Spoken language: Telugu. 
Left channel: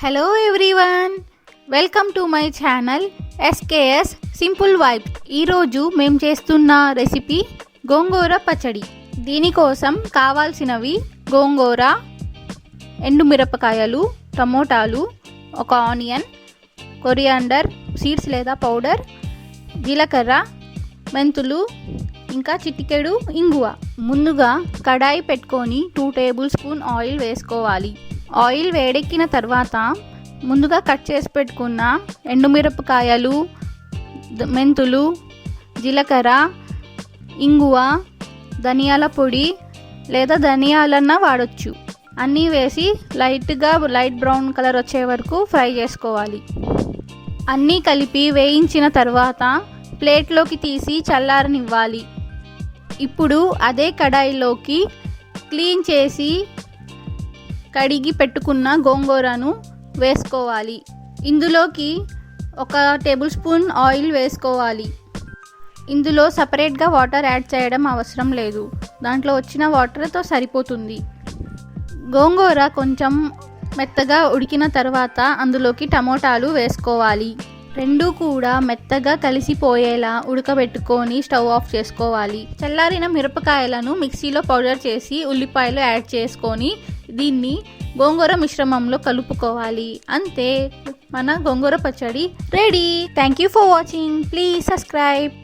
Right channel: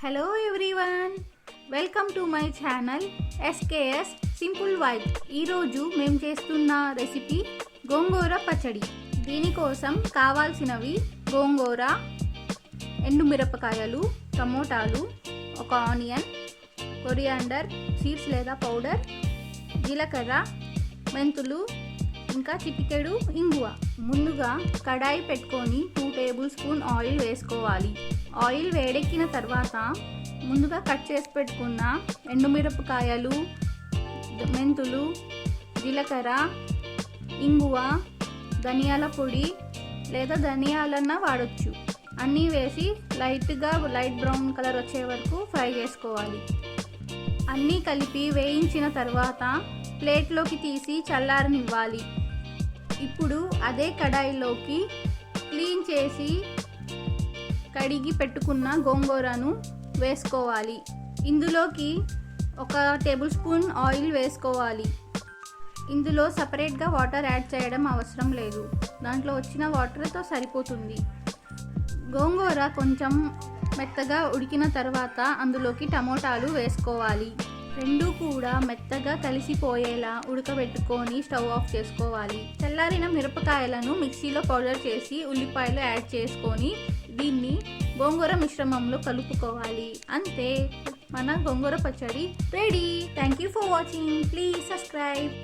Hello everyone, welcome to my channel SKS simple vibe. ఈరోజు మేము చేస్తున్న రెసిపీ గోంగూర పచ్చడి. దీనికోసం కావాల్సినవి గోంగూర, ఎండుమిరపకాయలు, టమోటాలు, ఒక ఆనియన్, కొరియాండర్ సీడ్స్ లేదా పౌడర్, జీలకర్ర, మెంతులు, ఇంకా చిటికెడు ఇంగువ. ముందుగా కడాయి పెట్టుకొని 2 టేబుల్ స్పూన్ ఆయిల్ వేసుకోవాలి. ఆయిల్ వేడెక్కిన తర్వాత ముందుగా కట్ చేసి పెట్టుకున్న ఎండుమిరపకాయలు, మెంతులు, జీలకర్ర, ఇంగువ, ధనియాల పొడి లేదా ధనియాలన్నా వాడొచ్చు, అన్నీ వేసి లైట్ బ్రౌన్ కలర్ వచ్చే వరకు ఫ్రై చేసుకోవాలి. అన్నీ కలిపి వేయించిన తర్వాత ప్లేట్లోకి తీసి చల్లారనివ్వాలి. ఇప్పుడు అదే కడాయిలోకి క్లీన్ చేసి కడిగి పెట్టుకున్న గోంగూరను వేసుకోవాలి. ఇందులోకి 1 టేబుల్ స్పూన్ ఆయిల్ వేసుకోవాలి. ఇందులో సపరేట్గా వాటర్ యాడ్ చేయడం అవసరం లేదు, దాంట్లో వచ్చిన వాటర్తో సరిపోతుంది. గోంగూర కొంచెం మెత్తగా ఉడికిన తర్వాత అందులోకి టమోటాలు వేసుకోవాలి. రెండూ కూడా మెత్తగా కలిసిపోయేలా ఉడకబెట్టుకొని స్టవ్ ఆఫ్ చేసుకోవాలి. చల్లారిన మిరపకాయలను మిక్సీలో పౌడర్ చేసి ఉల్లిపాయలు యాడ్ చేసుకొని దీన్ని గోంగూర మిశ్రమంలో కలుపుకోవాలి. అంతే, మన గోంగూర పచ్చడి ready. Thank you for watching. Please subscribe.